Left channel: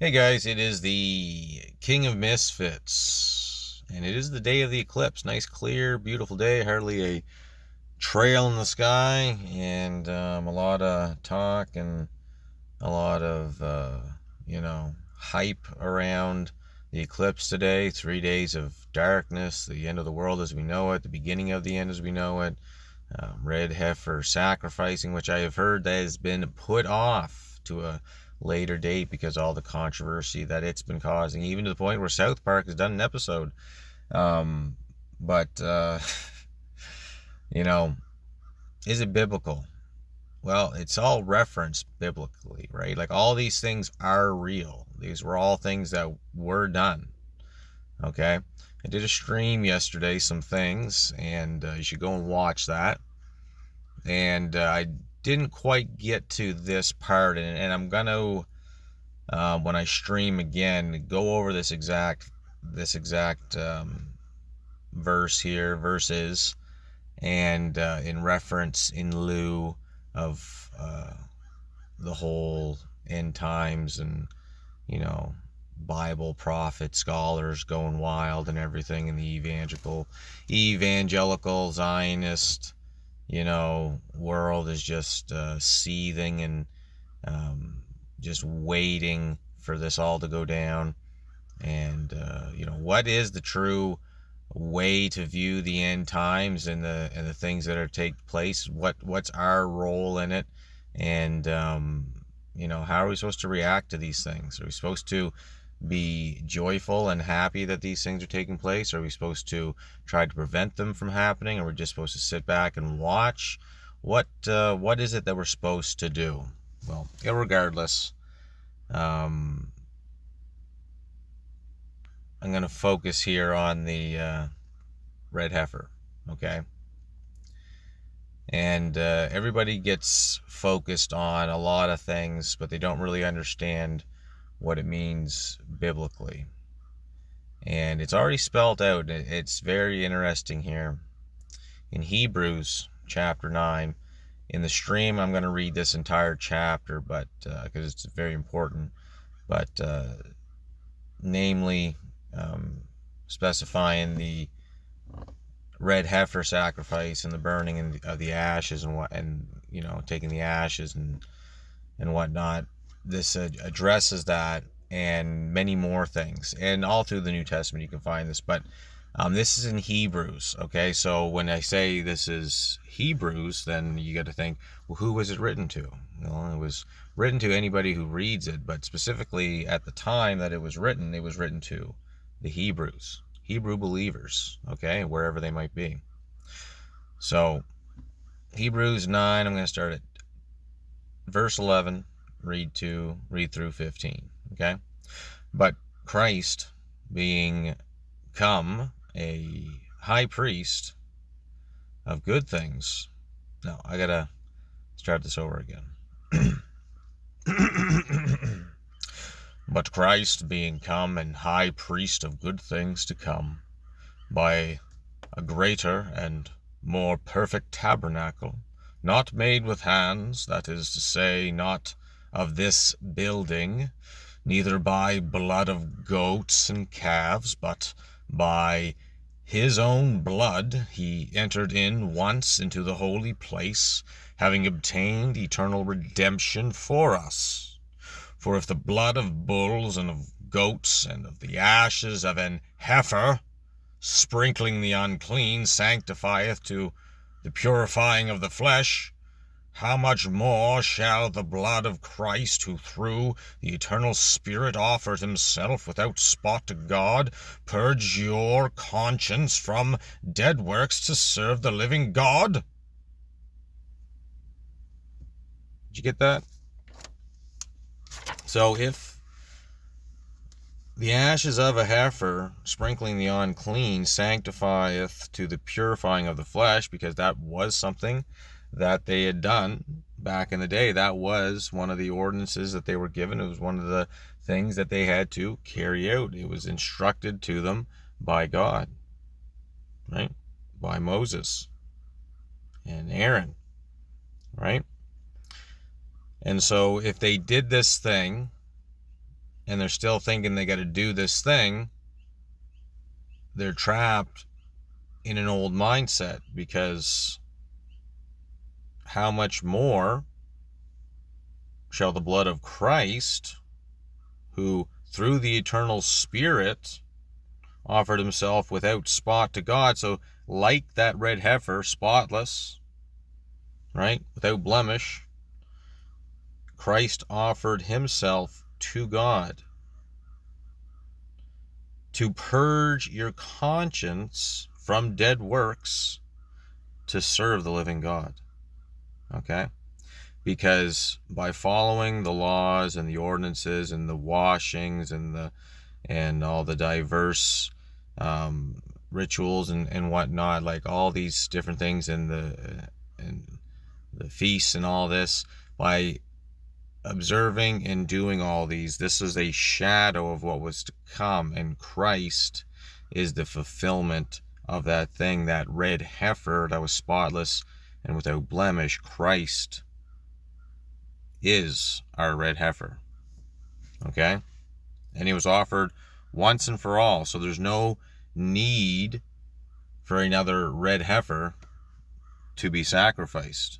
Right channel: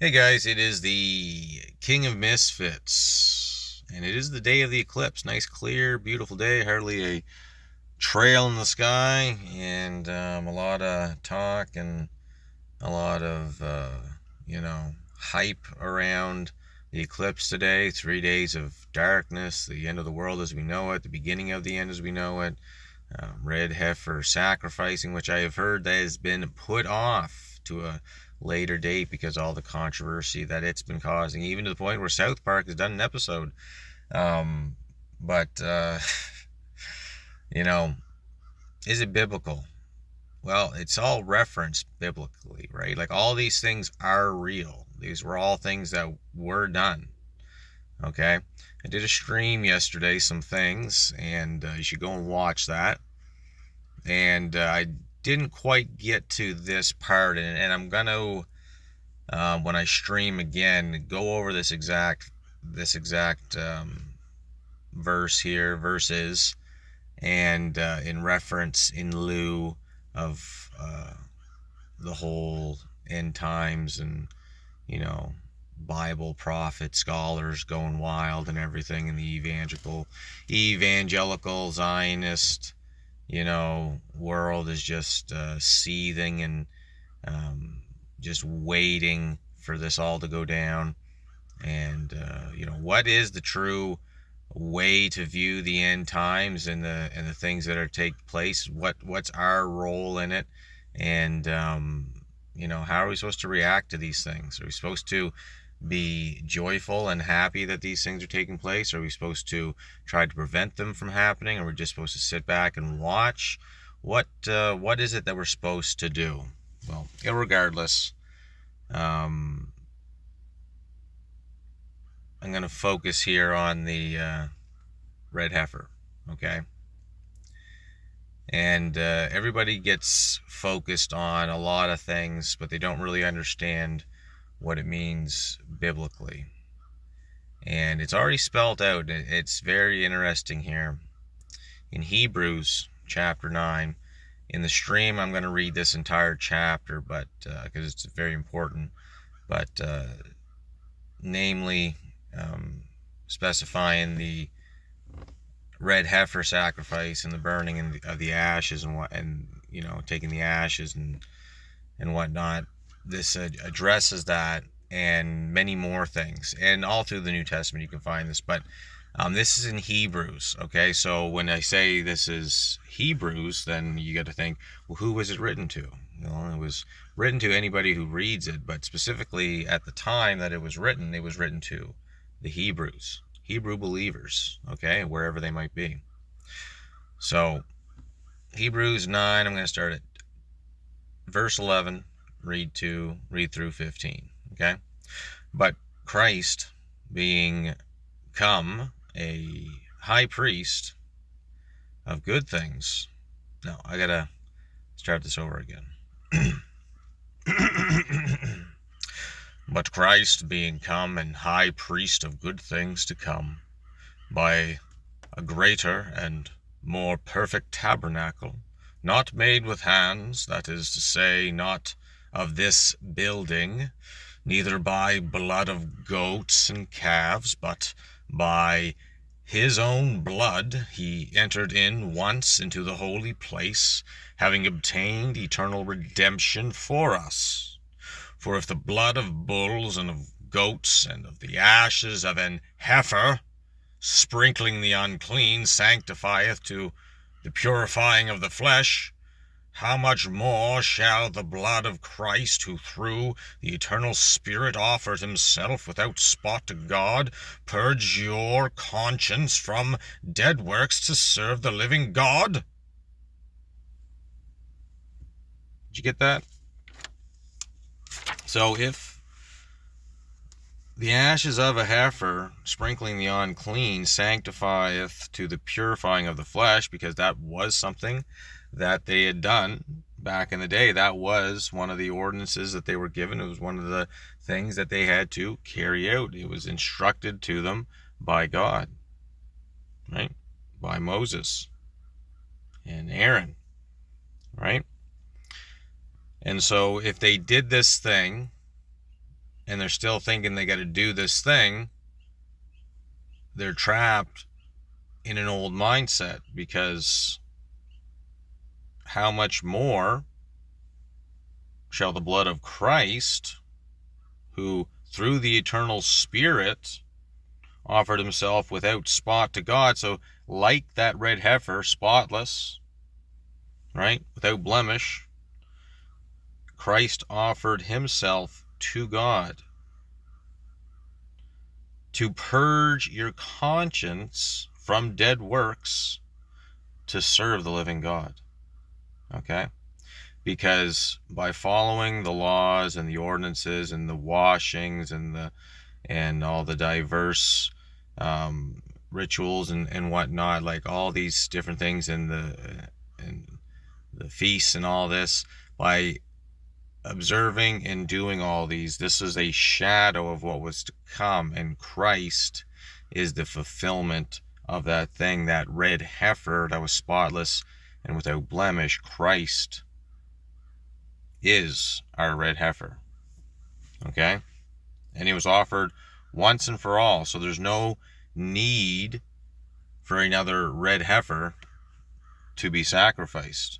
Hey guys, it is the King of Misfits, and it is the day of the eclipse. Nice, clear, beautiful day. Hardly a trail in the sky, and a lot of talk and a lot of hype around the eclipse today. 3 days of darkness, the end of the world as we know it, the beginning of the end as we know it. Red heifer sacrificing, which I have heard that has been put off to a later date because all the controversy that it's been causing, even to the point where South Park has done an episode. Um, but you know, is it biblical? Well, it's all referenced biblically, right? Like all these things are real. These were all things that were done. Okay, I did a stream yesterday, some things, and you should go and watch that. And I didn't quite get to this part, and I'm gonna when I stream again go over this exact verse here, verses, and in reference, in lieu of the whole end times and Bible prophet scholars going wild and everything, and the evangelical Zionist world is just seething and just waiting for this all to go down. And what is the true way to view the end times and the things that are take place? What's our role in it? And how are we supposed to react to these things? Are we supposed to be joyful and happy that these things are taking place? Are we supposed to try to prevent them from happening? Or are we just supposed to sit back and watch? What is it that we're supposed to do? Well, irregardless, um, I'm going to focus here on the red heifer, okay? And everybody gets focused on a lot of things, but they don't really understand what it means biblically. And it's already spelled out. It's very interesting here. In Hebrews chapter 9, in the stream, I'm going to read this entire chapter, but because it's very important. But namely, specifying the red heifer sacrifice and the burning of the ashes and taking the ashes and whatnot. This addresses that and many more things, and all through the New Testament you can find this. But this is in Hebrews, okay? So when I say this is Hebrews, then you got to think, well, who was it written to? Well, it was written to anybody who reads it, but specifically at the time that it was written to the Hebrews, Hebrew believers, okay, wherever they might be. So Hebrews 9, I'm going to start at verse 11, read through 15, okay? But Christ, being come a high priest of good things. No, I gotta start this over again. But Christ, being come an high priest of good things to come, by a greater and more perfect tabernacle, not made with hands, that is to say, not of this building, neither by blood of goats and calves, but by his own blood he entered in once into the holy place, having obtained eternal redemption for us. For if the blood of bulls and of goats and of the ashes of an heifer, sprinkling the unclean, sanctifieth to the purifying of the flesh, how much more shall the blood of Christ, who through the eternal Spirit offered himself without spot to God, purge your conscience from dead works to serve the living God? Did you get that? So if the ashes of a heifer, sprinkling the unclean, sanctifieth to the purifying of the flesh, because that was something that they had done back in the day. That was one of the ordinances that they were given. It was one of the things that they had to carry out. It was instructed to them by God, right? By Moses and Aaron, right? And so if they did this thing and they're still thinking they got to do this thing, they're trapped in an old mindset, because how much more shall the blood of Christ, who through the eternal Spirit offered himself without spot to God, so like that red heifer, spotless, right, without blemish, Christ offered himself to God to purge your conscience from dead works to serve the living God. Okay? Because by following the laws and the ordinances and the washings and all the diverse rituals and whatnot, like all these different things and the feasts and all this, by observing and doing all these, this is a shadow of what was to come, and Christ is the fulfillment of that thing, that red heifer that was spotless and without blemish. Christ is our red heifer. Okay? And he was offered once and for all, so there's no need for another red heifer to be sacrificed.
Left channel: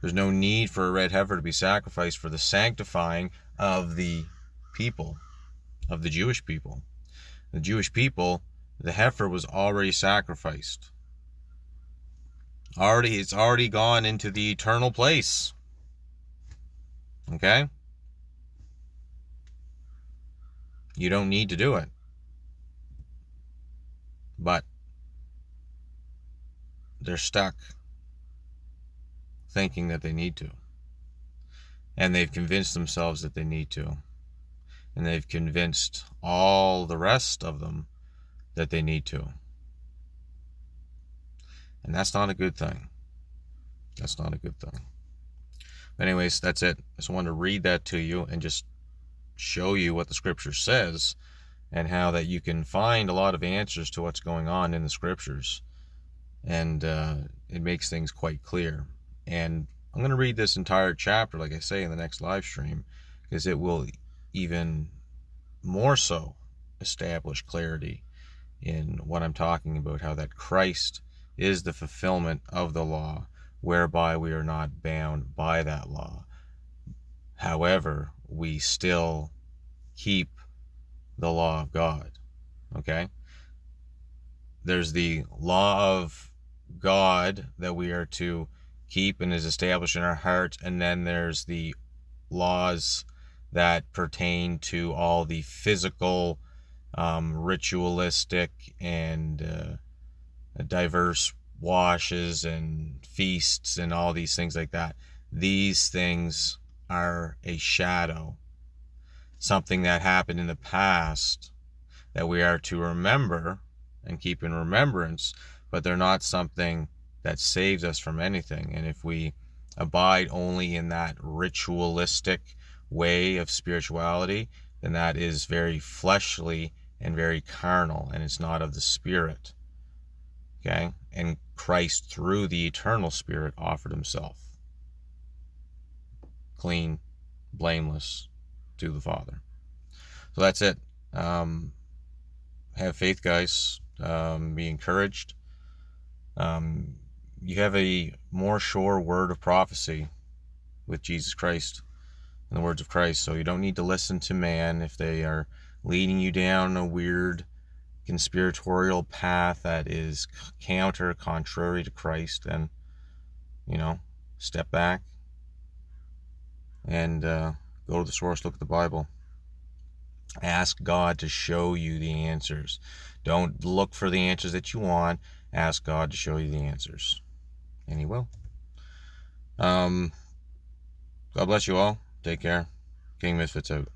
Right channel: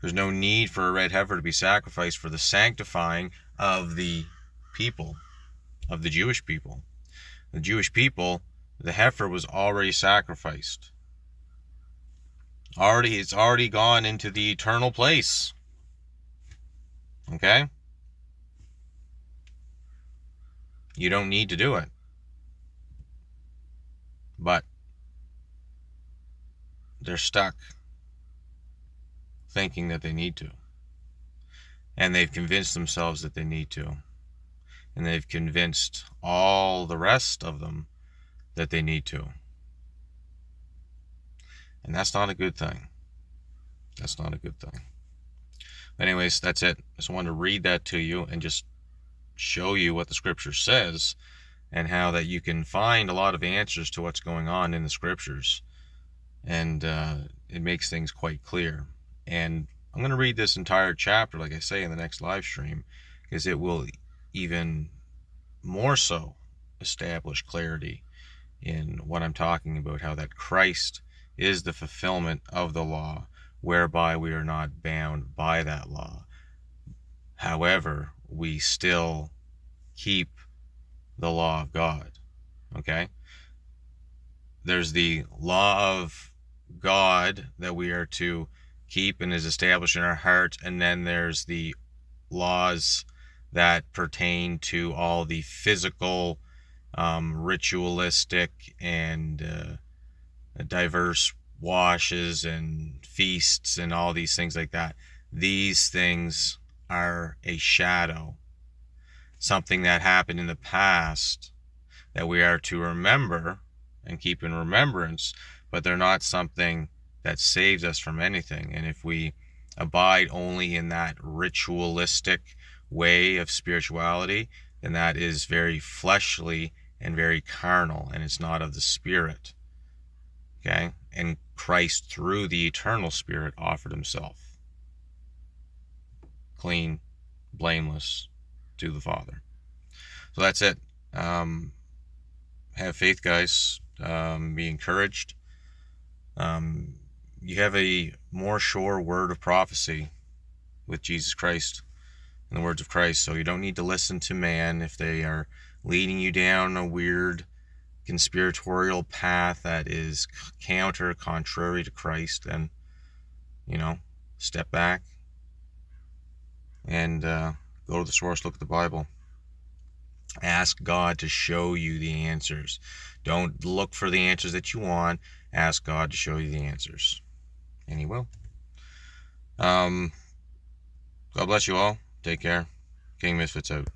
There's no need for a red heifer to be sacrificed for the sanctifying of the people, of the Jewish people. The Jewish people, the heifer was already sacrificed. It's already gone into the eternal place. Okay? You don't need to do it. But they're stuck thinking that they need to. And they've convinced themselves that they need to. And they've convinced all the rest of them that they need to. And that's not a good thing. That's not a good thing. But anyways, that's it. I just wanted to read that to you and just show you what the scripture says, and how that you can find a lot of answers to what's going on in the scriptures. And it makes things quite clear. And I'm going to read this entire chapter, like I say, in the next live stream, because it will even more so establish clarity in what I'm talking about, how that Christ is the fulfillment of the law, whereby we are not bound by that law. However, we still keep the law of God. Okay? There's the law of God that we are to keep and is established in our heart, and then there's the laws that pertain to all the physical, ritualistic, and diverse washes and feasts and all these things like that. These things are a shadow, something that happened in the past that we are to remember and keep in remembrance, but they're not something that saves us from anything. And if we abide only in that ritualistic way of spirituality, then that is very fleshly and very carnal, and it's not of the Spirit. Okay? And Christ, through the eternal Spirit, offered himself clean, blameless to the Father. So that's it. Have faith, guys. Be encouraged. You have a more sure word of prophecy with Jesus Christ and the words of Christ, so you don't need to listen to man if they are leading you down a weird conspiratorial path that is contrary to Christ. Then, step back and go to the source, look at the Bible. Ask God to show you the answers. Don't look for the answers that you want. Ask God to show you the answers. And he will. God bless you all. Take care. King Misfits out.